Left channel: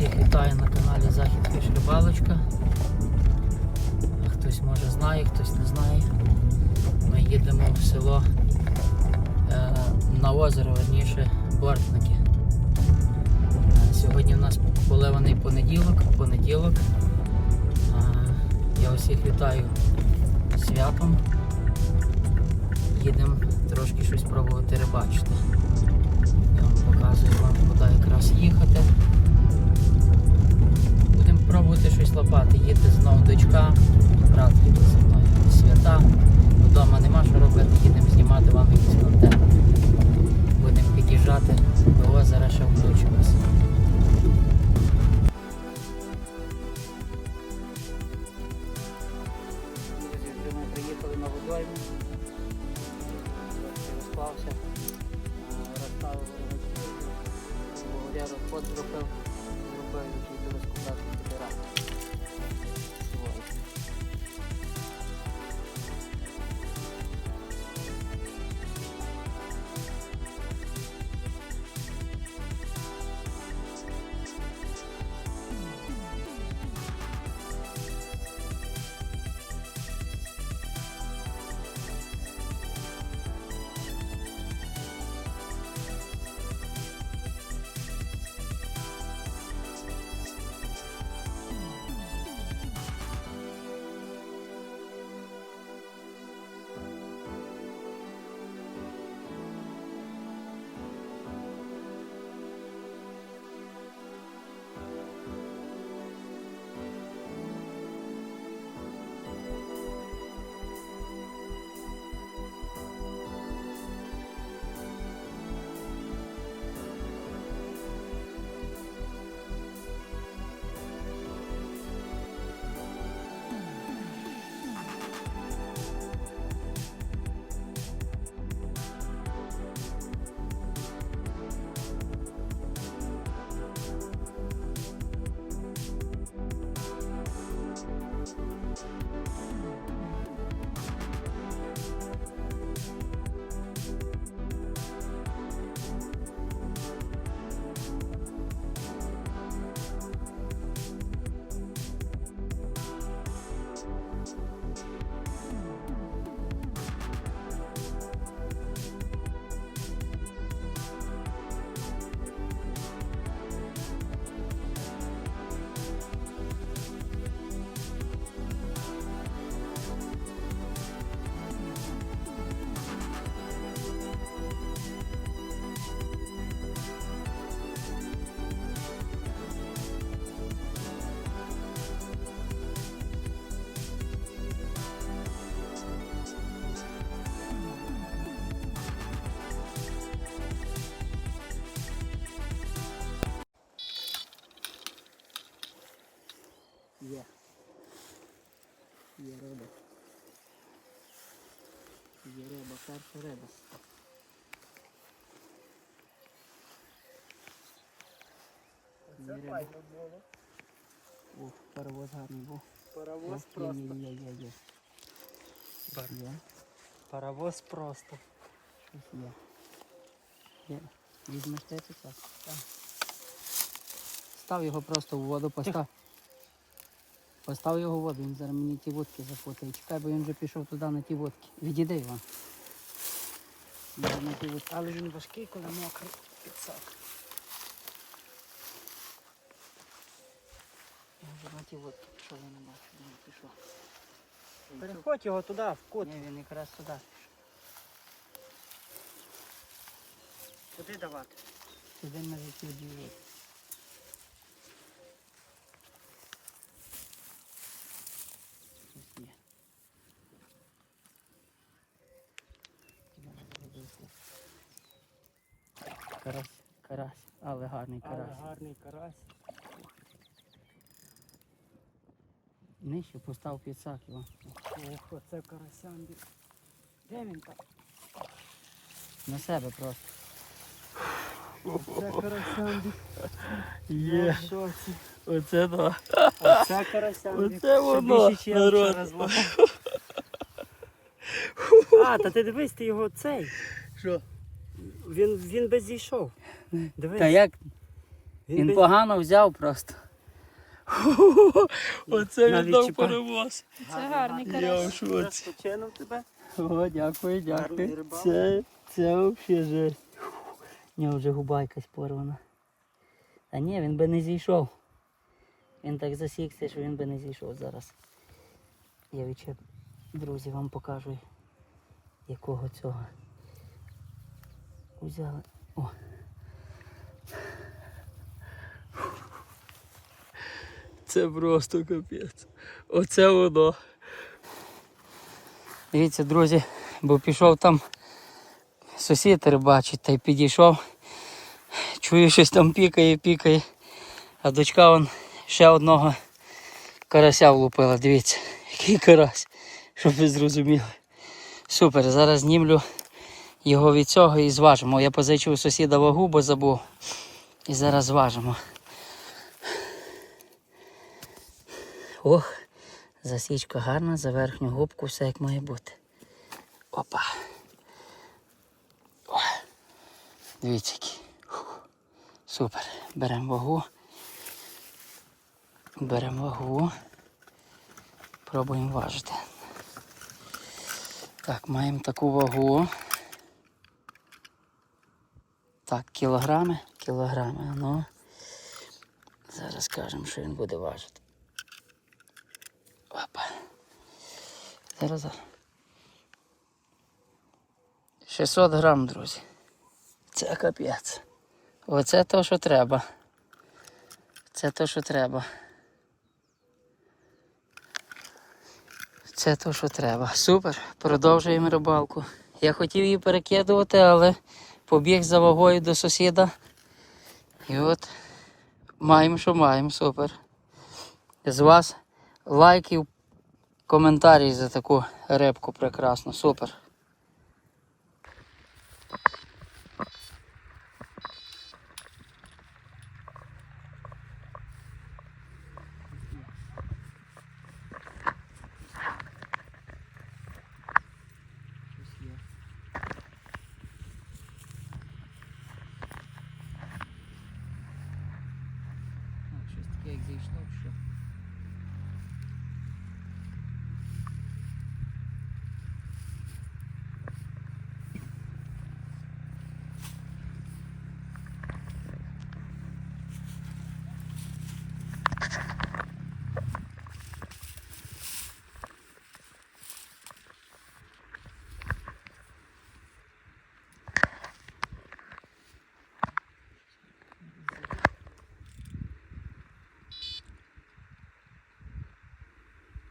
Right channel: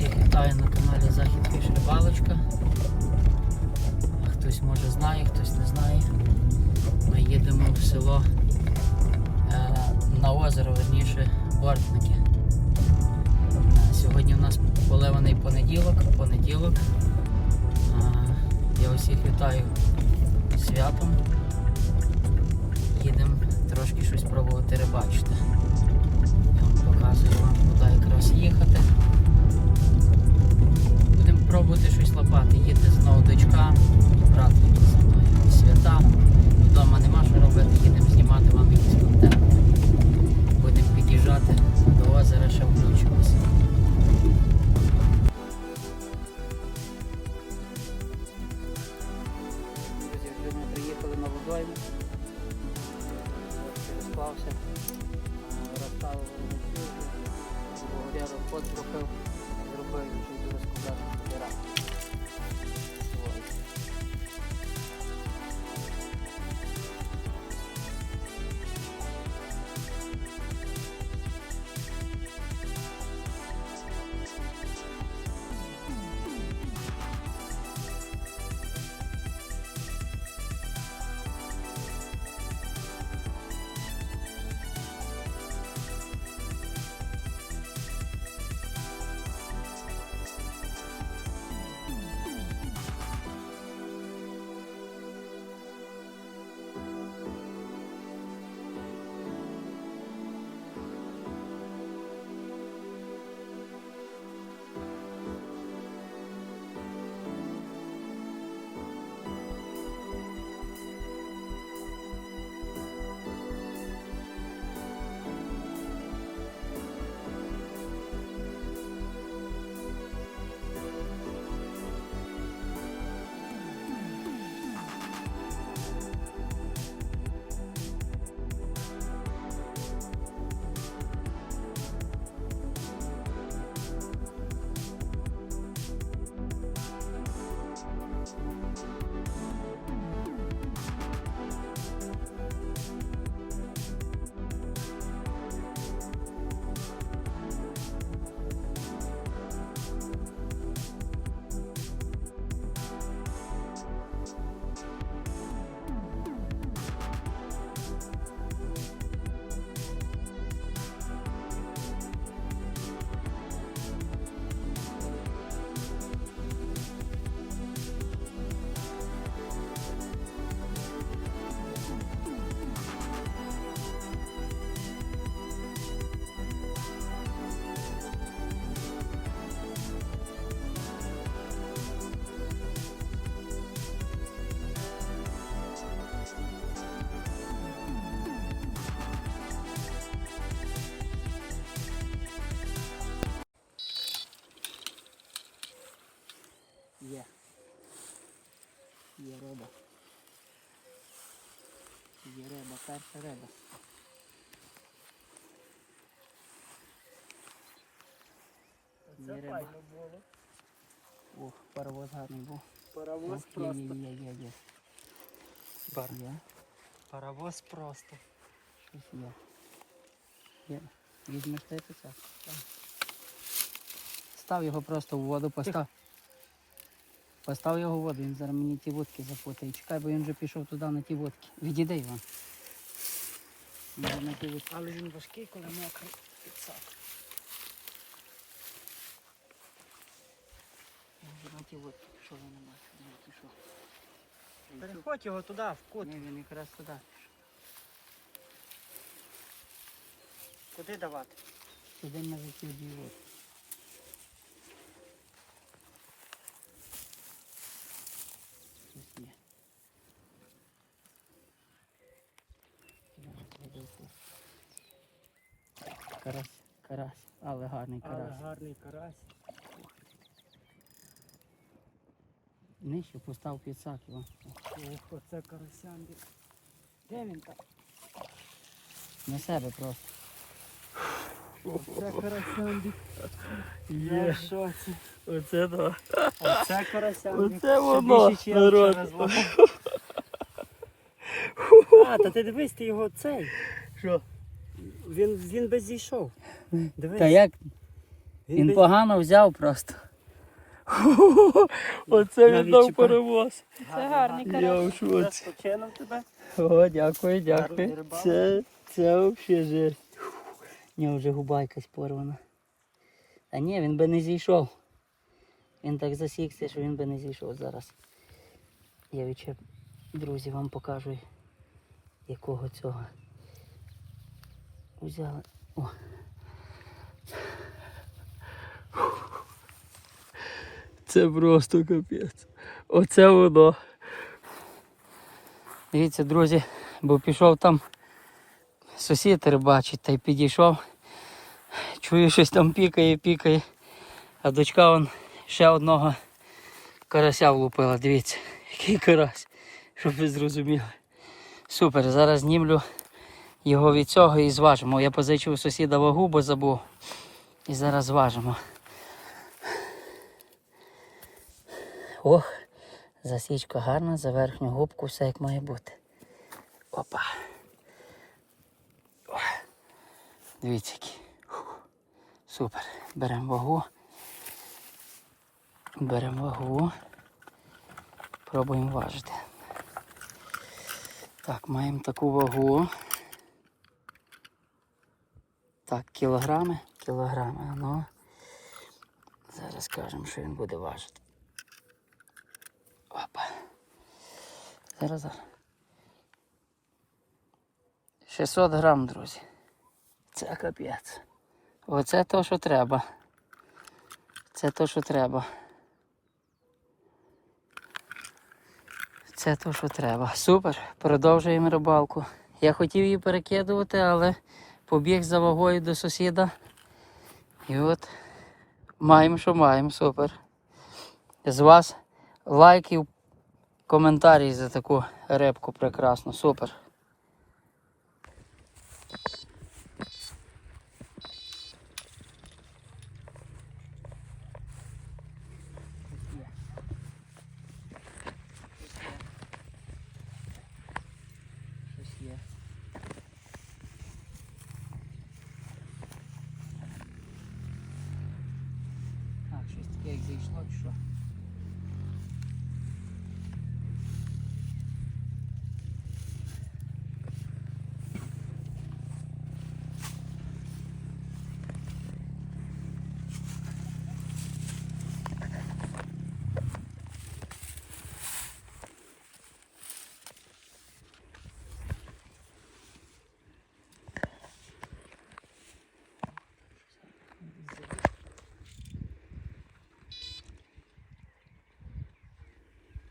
Всіх вітаю на каналі Захід Фіш Рибалочка. Хтось може знає, хтось не знає. Ми їдемо в село е, на озеро, верніше, Бортники. Е, Сьогодні в нас поливаний понеділок, понеділок. Е, Я усіх вітаю святом. Їдемо трошки щось пробувати рибачити. 0 pod trofeu, zrąbałem już i do rozkładania wybiera. Є риба. Ох, паровоз гарний був. Паровоз є, просто. є, є, є. Пар- Є, Паровоз просто. щось є. Є. Візьмеш ти так? Став його просто в воду, постав. Постав його в воду, він зараз мені ті вудки запутає. Чекай, бо він вже пішов туди на ті вудки. Відійди його. Він на ті вудки. Але він важкий, коли мокрий. Вудки пішов, я не тут. Переходь його туди, в кут. Ні, він якраз туди. Куди давати? Туди на житті дві вудки. Щось є. Карась, карась, але гарний Але карась. гарний карась. Нижче постав підсак його. Ох, оце карасянди. Де він так? На себе просто. Оце карасянди. Є. Оце два. Оце карасянди. Оце воно, народ. А, та ти дивись, ти його цей. Що? Він, він би зійшов. Дивись. Та як? Він погано взяв просто. Оце він він дав перевоз. Це гарний карась. Розпочинав тебе. О, дякую, дякую. Це, це взагалі жесть. У нього вже губа якась порвана. Та ні, він би не зійшов. Він так засікся, що він би не зійшов зараз. Я відчеп, друзі, вам покажу, якого цього. Взяли. О. Це просто капець. Оце воно. Дивіться, друзі, бо пішов там сусід рибачить та й підійшов. Чую, щось там пікає, пікає. А дочка вон ще одного карася влупила. Дивіться, який карась, щоб ви зрозуміли. Супер, зараз знімлю його від цього і зважимо. Я позичив сусіда вагу, бо забув. І зараз зважимо. Ох, засічка гарна, за верхню губку все як має бути. Опа. О. Дивіться Супер. Беремо вагу. Беремо вагу. Пробуємо важити. Так, маємо таку вагу. Так, кілограми, кілограми, ну. Зараз скажемо, що він буде важити. Опа. Зараз. 600 грам, друзі. Це капець. Оце то, що треба. Це то, що треба. Це то, що треба. Супер. Продовжуємо рибалку. Я хотів її перекидувати, але побіг за вагою до сусіда. І от маємо, що маємо. Супер. З вас лайків, коментарі за таку репку прекрасно, Супер. Щось є. А, щось таке як зайшло, чи що?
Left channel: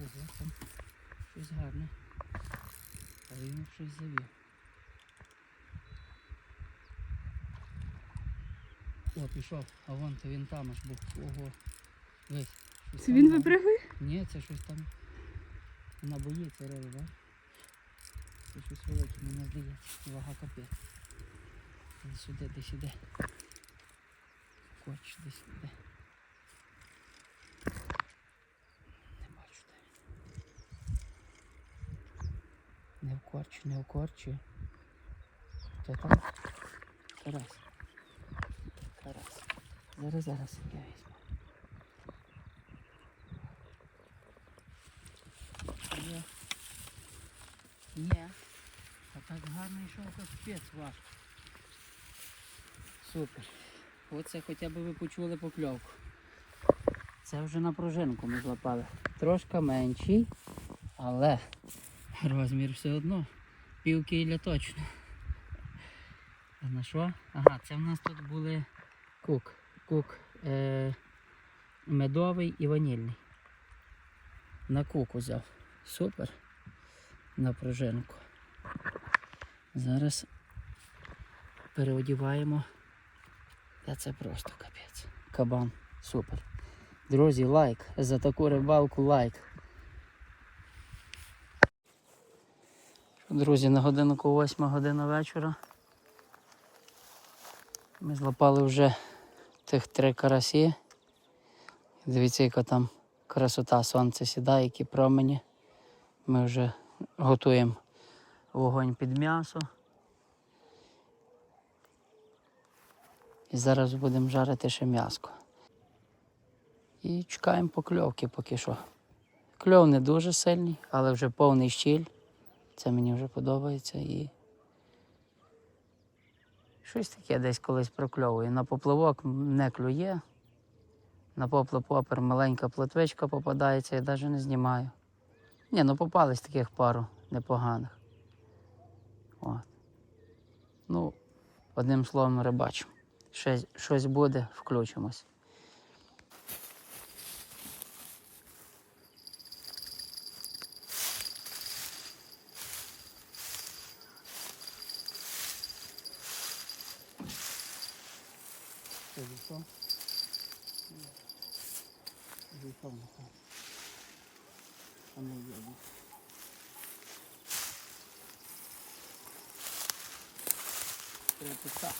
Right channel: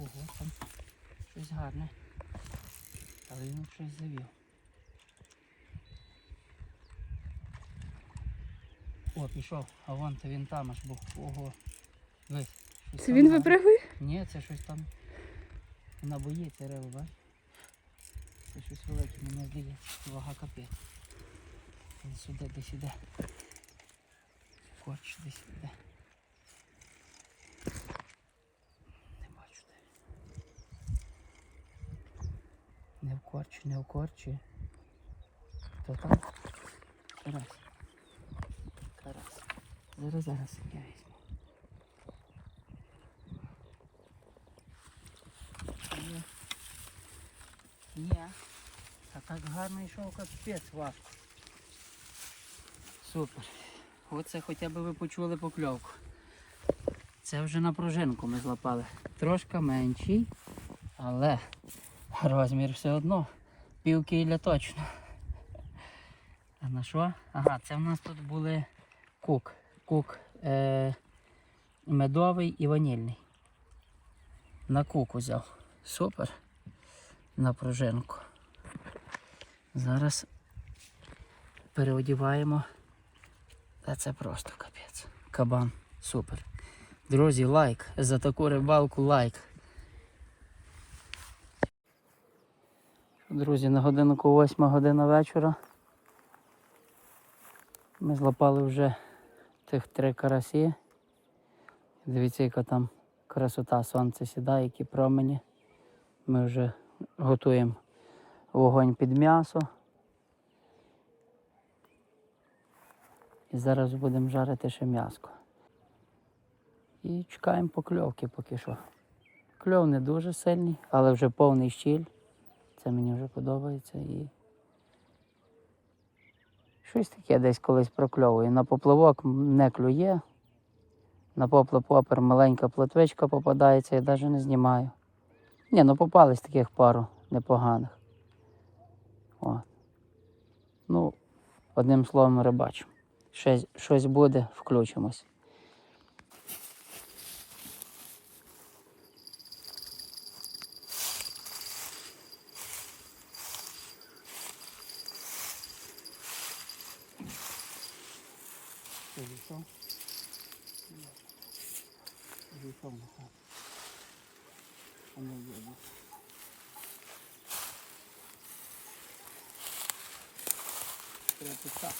Ого, там щось гарне. Але він щось завів. О, пішов, а вон то він там аж був. Ого. Ви. щось Це там він гарне. випригує? Ні, це щось там на бої це риба. Це щось велике, мені здається, вага капець. Він сюди десь іде. Корч десь іде. Не бачу де він. Не в корчі, не в корчі. Хто там? Тарас. Тарас. Зараз, зараз я візьму. Ні. Ні. А так гарно йшов капець важко. Супер. Оце хоча б ви почули покльовку. Це вже на пружинку ми злапали. Трошки менший, але розмір все одно. Пів кіля точно. А на що? Ага, це в нас тут були кук. Кук е- медовий і ванільний. На кук взяв. Супер. На пружинку. Зараз переодіваємо. Та це просто капець. Кабан. Супер. Друзі, лайк. За таку рибалку лайк. Друзі, на годинку 8 година вечора. Ми злопали вже тих три карасі. Дивіться, яка там красота, сонце сідає, які промені. Ми вже готуємо вогонь під м'ясо. І зараз будемо жарити ще м'яско. І чекаємо покльовки поки що. Кльов не дуже сильний, але вже повний щіль. Це мені вже подобається і. Щось таке десь колись прокльовую. На поплавок не клює. На поплав-попер маленька плотвичка попадається, я навіть не знімаю. Ні, ну попались таких пару непоганих. От. Ну, одним словом, рибачимо. Щось, щось буде, включимось. Що, зійшов? На там. А не є. Треба.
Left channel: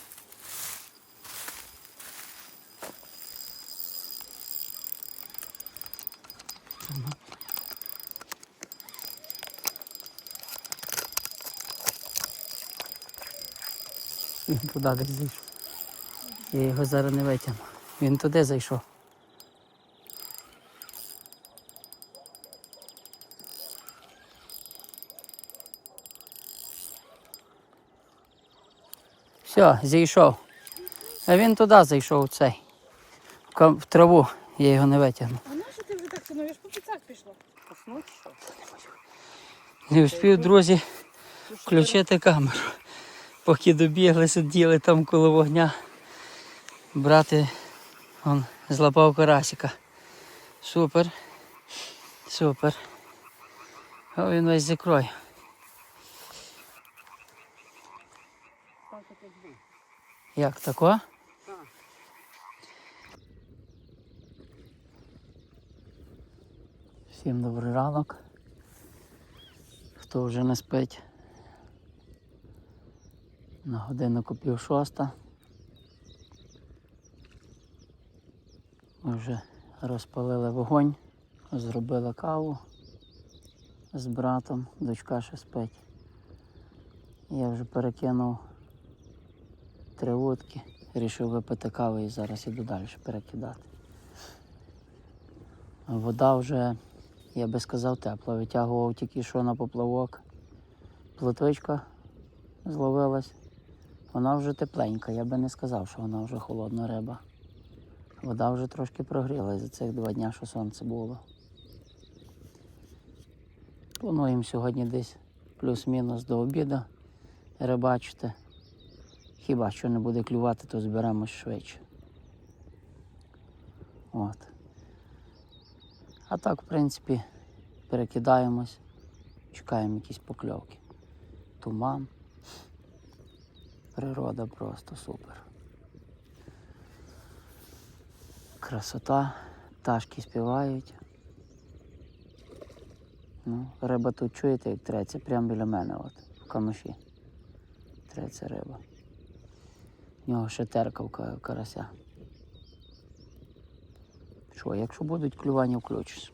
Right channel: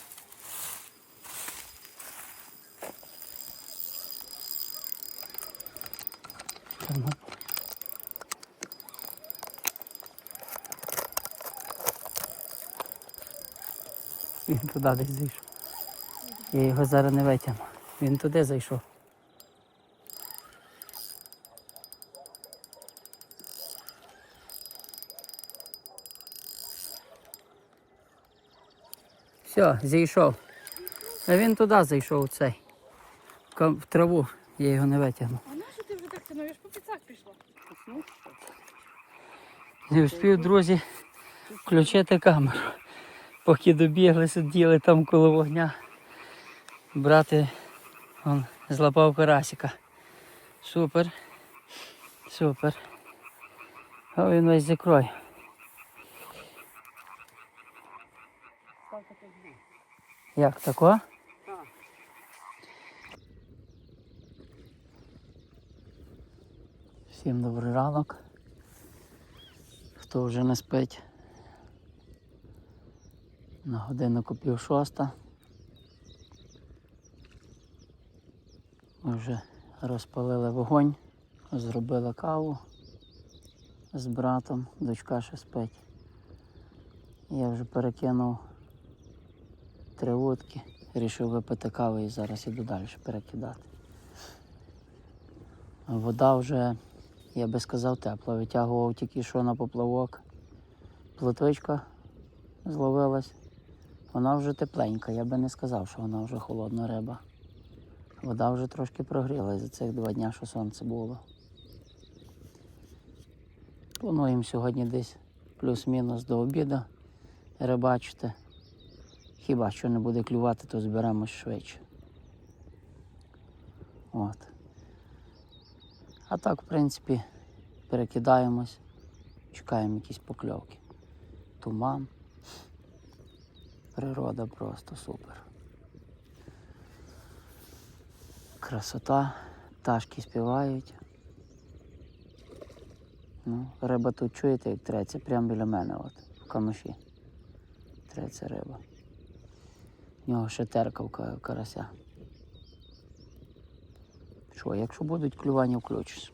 Термополь. Він туди десь зайшов. Я його зараз не витягну. Він туди зайшов. Все, зійшов. А він туди зайшов цей. В траву. Я його не витягну. А на що ти вже так тянуєш? По піцак пішло. Не встиг, друзі, включити камеру. Поки добігли, сиділи там коло вогня. Брати он злапав карасика. Супер. Супер. О, він весь закрою. Як тако? Всім добрий ранок. Хто вже не спить? На годиннику пів шоста. Ми вже розпалили вогонь, зробили каву з братом, дочка ще спить. Я вже перекинув три вудки, рішив випити каву і зараз іду далі перекидати. Вода вже, я би сказав, тепла. Витягував тільки що на поплавок. Плотвичка зловилась. Вона вже тепленька, я би не сказав, що вона вже холодна риба. Вода вже трошки прогрілась за цих два дні, що сонце було. Плануємо сьогодні десь плюс-мінус до обіду рибачити. Хіба що не буде клювати, то зберемось швидше. От. А так, в принципі, перекидаємось, чекаємо якісь покльовки. Туман. Природа просто супер. Красота, пташки співають. Ну, риба тут чуєте, як треться, прямо біля мене, от, в камиші. Треться риба. В нього ще теркавка карася. Що, якщо будуть клювання, включусь.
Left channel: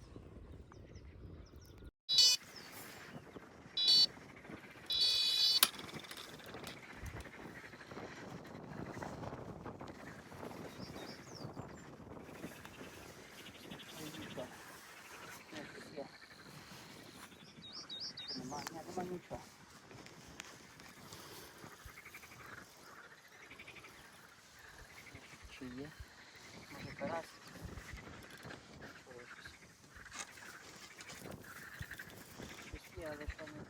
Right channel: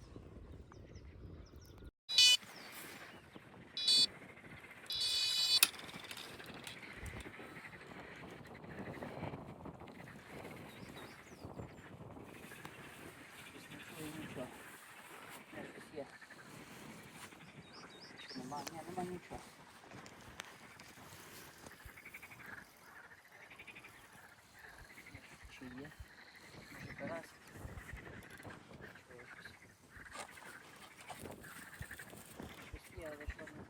Нема, нема нічого. Чи є? Може карась? Щось є, але то не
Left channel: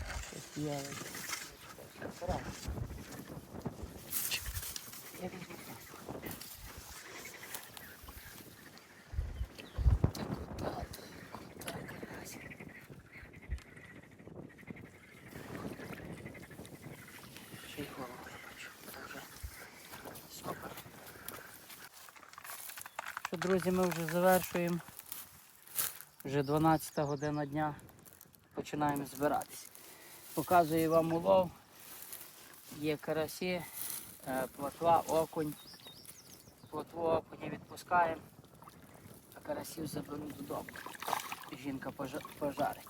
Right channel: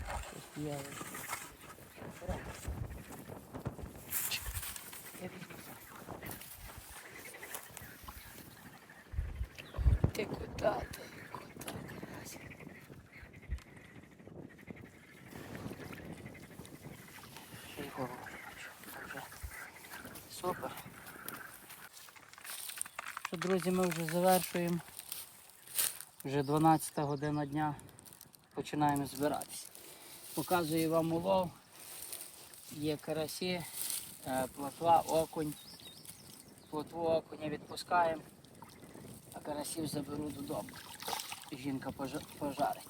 Щось є, але щось карась. Я сам. Ти куди ти? Куди Супер. Друзі, ми вже завершуємо. Вже 12 година дня. Починаємо збиратися. Показую вам улов. Є карасі, е, плотва, окунь. Плотву окуня відпускаємо, а карасів заберу додому. жінка пожарить.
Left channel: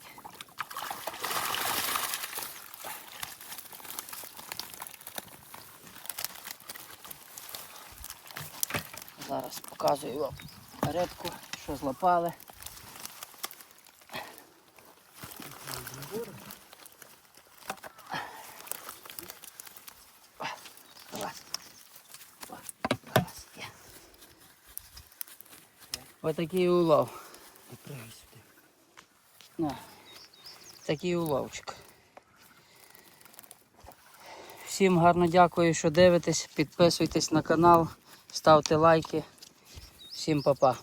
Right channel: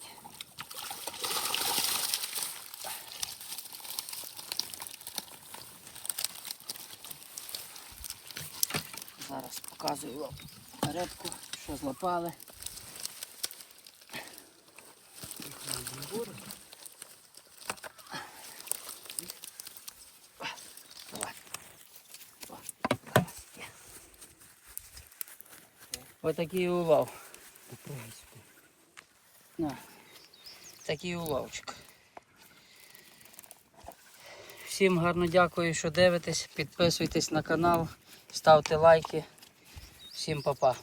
Зараз показую вам рибку, що злопали. Отакий улов. На, такий уловчик. Всім гарно дякую, що дивитесь. Підписуйтесь на канал, ставте лайки. Всім па-па.